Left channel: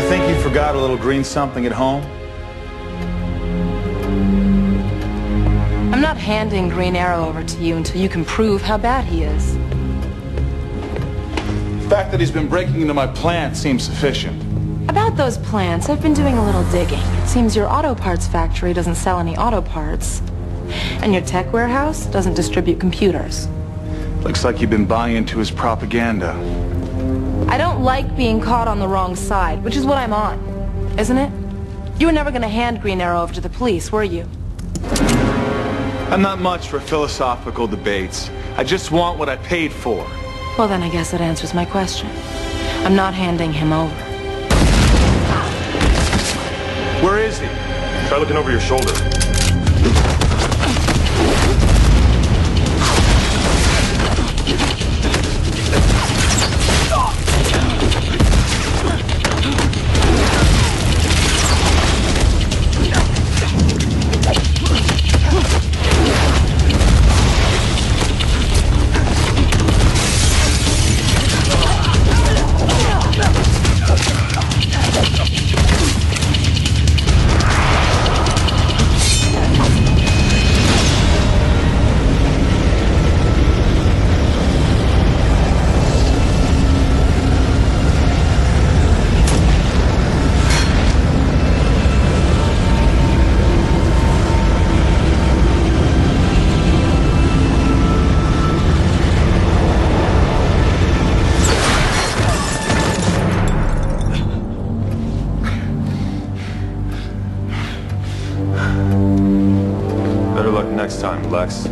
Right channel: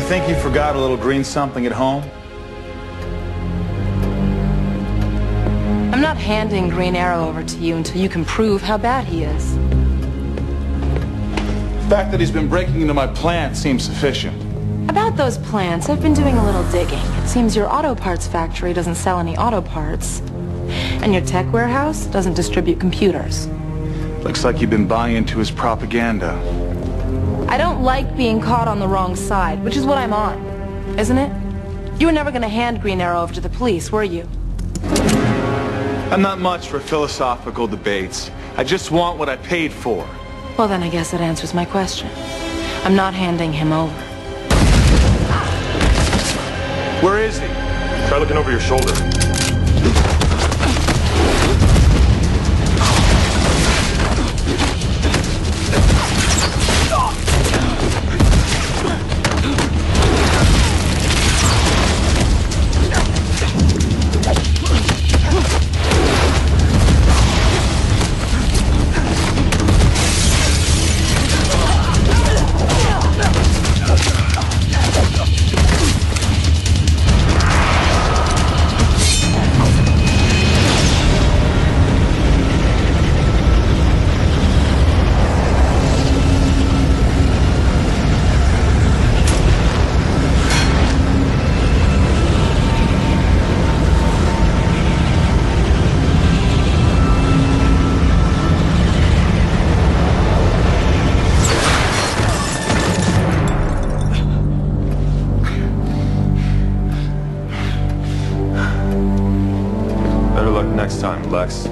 I think you forgot a little green something at home. I'm not handing Green Arrow over to you until you can prove how bad he is. The fact that he's been breaking into my plant seems sufficient. About those plants, I've been doing a little digging. It seems your auto parts factory doesn't sell any auto parts. And your tech warehouse doesn't distribute computers. Looks like you've been buying into his propaganda. I don't like being caught on the wrong side, which is what I'm on, isn't it? You were never going to hand Green Arrow over to the police, were you? I'm not much for philosophical debates. I just want what I paid for. Well, then I guess that answers my question. I'm not handing him over. Where is he? Try looking over your shoulder. Better luck next time, Lex.